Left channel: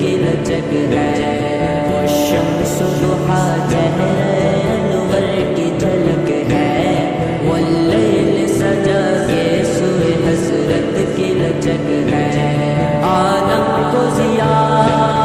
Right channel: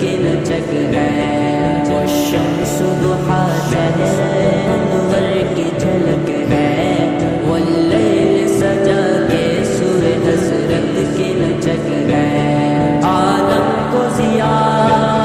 کی لچک ہے، وہ شمس ضحا چہرہ انور کی جھلک ہے، واللیل سجا کے سوئے حضرت کی لچک ہے، عالم کو ضیاء